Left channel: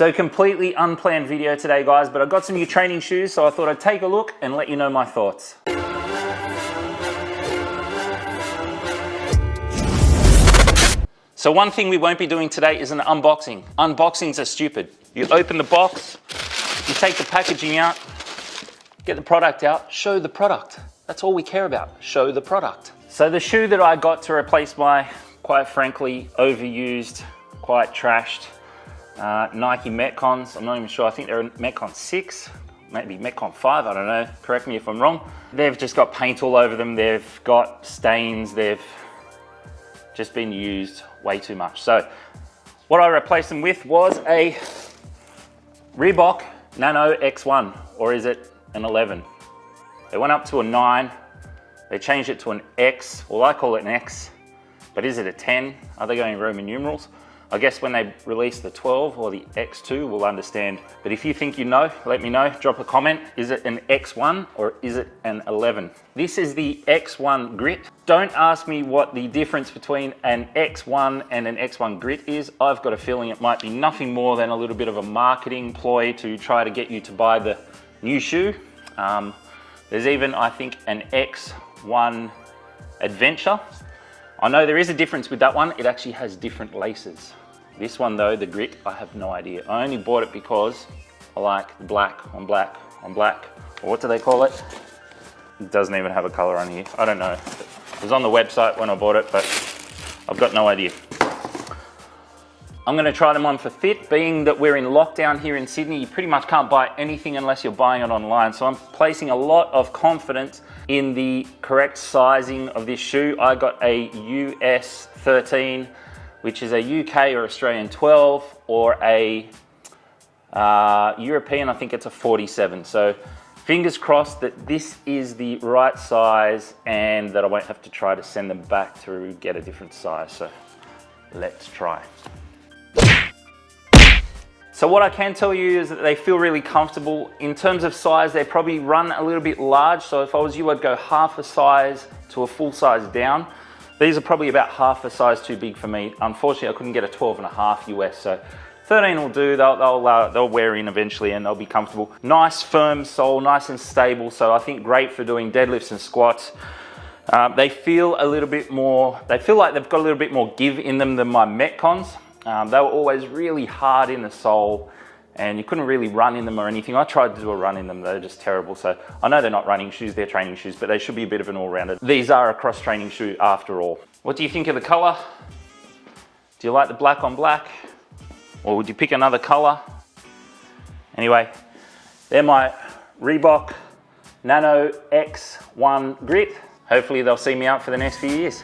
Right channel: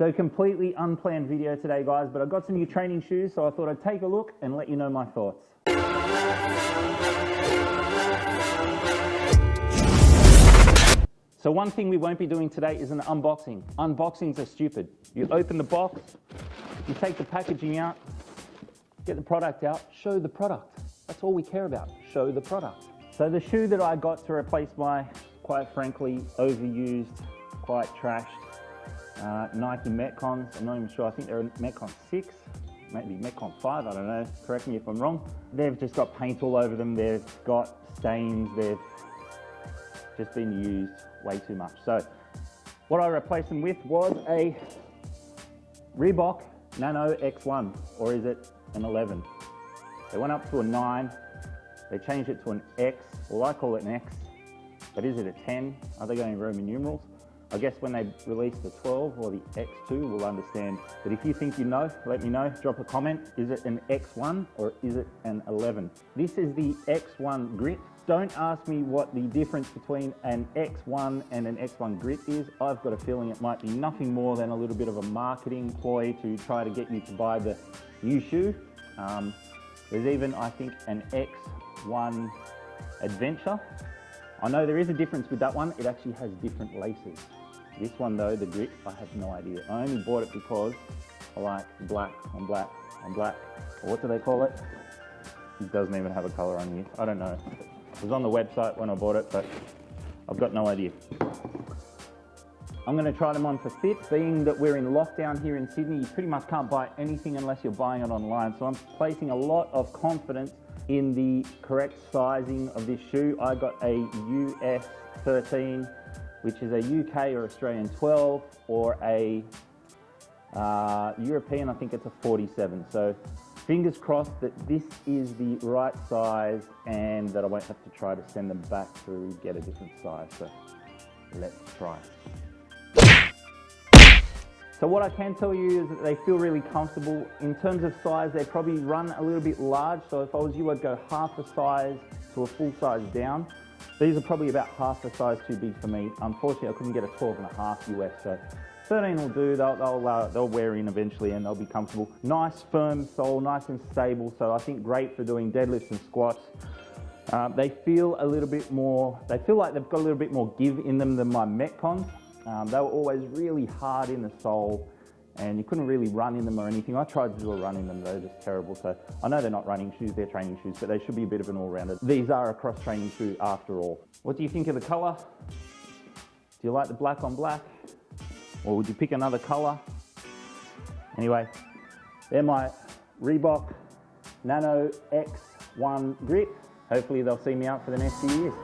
So completely unplanned video today, guys, but I got some new training shoes, so I thought I'd take a look and let you know my thoughts. So one thing we won't be doing today is an unboxing. Unboxings are stupid. You open the box, you take the packaging out, get the product out, show the product. That's all we care about, show the product. So the shoe that I got to replace my, quite frankly, overused, quite trashed Nike Metcons. I'm not even sure, I think they're Metcon 6, maybe Metcon 5, I don't know, correct me if I'm wrong. They've just got paint all over them, they've got stains, they've just been used way too much. So what I replaced them with was a Reebok Nano X1, or is it an 11? They went up to a 9, they changed it to an X, well I call it an X, but is it a 10? Are they going Roman numerals? I guess when they release the 12 or the X2, we'll understand. But if you think you know, let me know, drop a comment. Is it an X1 or is it an 11? This is the X1 Grit. Don't ask me what the difference between an X1 and an X1 Grit is. I've got a feeling it might be nothing more than a little bit of a marketing ploy to try to get you to buy the new shoe. There's even, I think, an X1 Adventure. I know there is a difference with that one. It actually has different laces. This one though, the Grit, I have no idea. I only bought it because I like black on black on black. Or what do they call it? It doesn't even have a color on here. I don't know. It was on the website when I bought it, but I've got no idea. I'm gonna try them on for fit. Being that we're in lockdown here in Sydney, you pretty much can't buy anything unless you're buying it online. So I'm placing a lot of confidence in the correct sizing of this shoe. I got a US 13, which is a UK or Australian 12, or a European, I think it's a 47. So fingers crossed that this is the right size and that I won't have to try to send them back to get a different size. So let's try. So what I can tell you is that they feel really comfortable. In terms of size, they probably run a little bit large. So if I was you, I'd go half a size to a full size down. These are probably about half a size too big for me. Unfortunately, I couldn't get a 12.5 US, so 13 will do. They'll wear in eventually and they'll be comfortable. Nice firm sole, nice and stable. So I think great for doing deadlifts and squats. They feel a little bit more, they feel like they've got a little bit more give in them than my Metcons. They were always really hard in the sole and you couldn't really run in them or anything. I tried to do a run in them, they're just terrible. So I know they're not running shoes, they're training shoes, but they should be a bit of an all-rounder. These are a cross-training shoe after all. What do you think of the color? Do you like the black on black? Or would you pick another color? Anyway, they're my Reebok Nano X1 Grit. Hopefully they'll see me out for the next few years.